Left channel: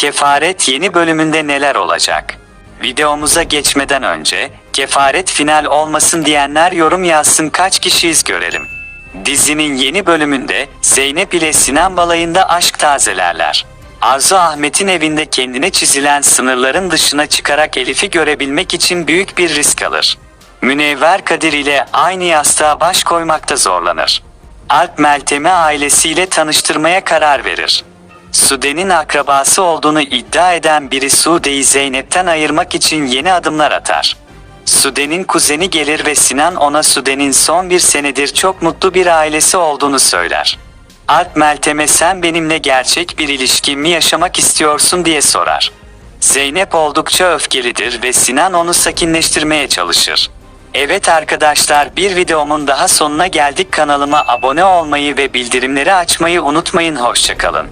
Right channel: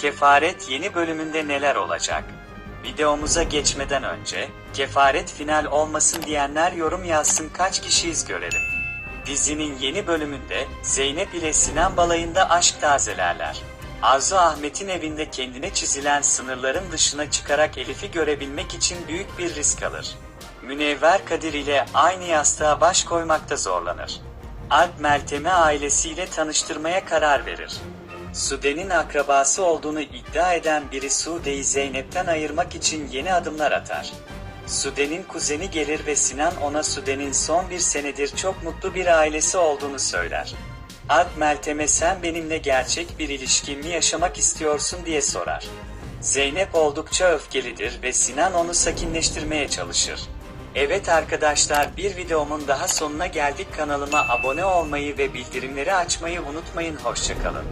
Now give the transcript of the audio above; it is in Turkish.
Kefaret yeni bölümünde neler olacak? Videomuza geçmeden önce, kefaret final olmasın diyenler yorum yazsın kaç kişiyiz görelim. Dizinin yeni bölümünde Zeynep ile Sinan balayında aşk tazelerler. Arzu Ahmet'in evinde kendine çizilen sınırların dışına çıkarak Elif'i görebilmek için büyük bir risk alır. Münevver Kadir ile aynı yastığa baş koymakta zorlanır. Alp Meltem'i ailesiyle tanıştırmaya karar verir. Sude'nin akrabası olduğunu iddia eden biri Sude'yi Zeynep'ten ayırmak için yeni adımlar atar. Sude'nin kuzeni gelir ve Sinan ona Sude'nin son bir senedir çok mutlu bir ailesi olduğunu söyler. Alp Meltem'e sen benimle gerçek bir ilişki mi yaşamak istiyorsun diye sorar. Zeynep oldukça öfkelidir ve Sinan onu sakinleştirmeye çalışır. Evet arkadaşlar bir videomun daha sonuna geldik kanalıma abone olmayı ve bildirimleri açmayı unutmayın hoşçakalın.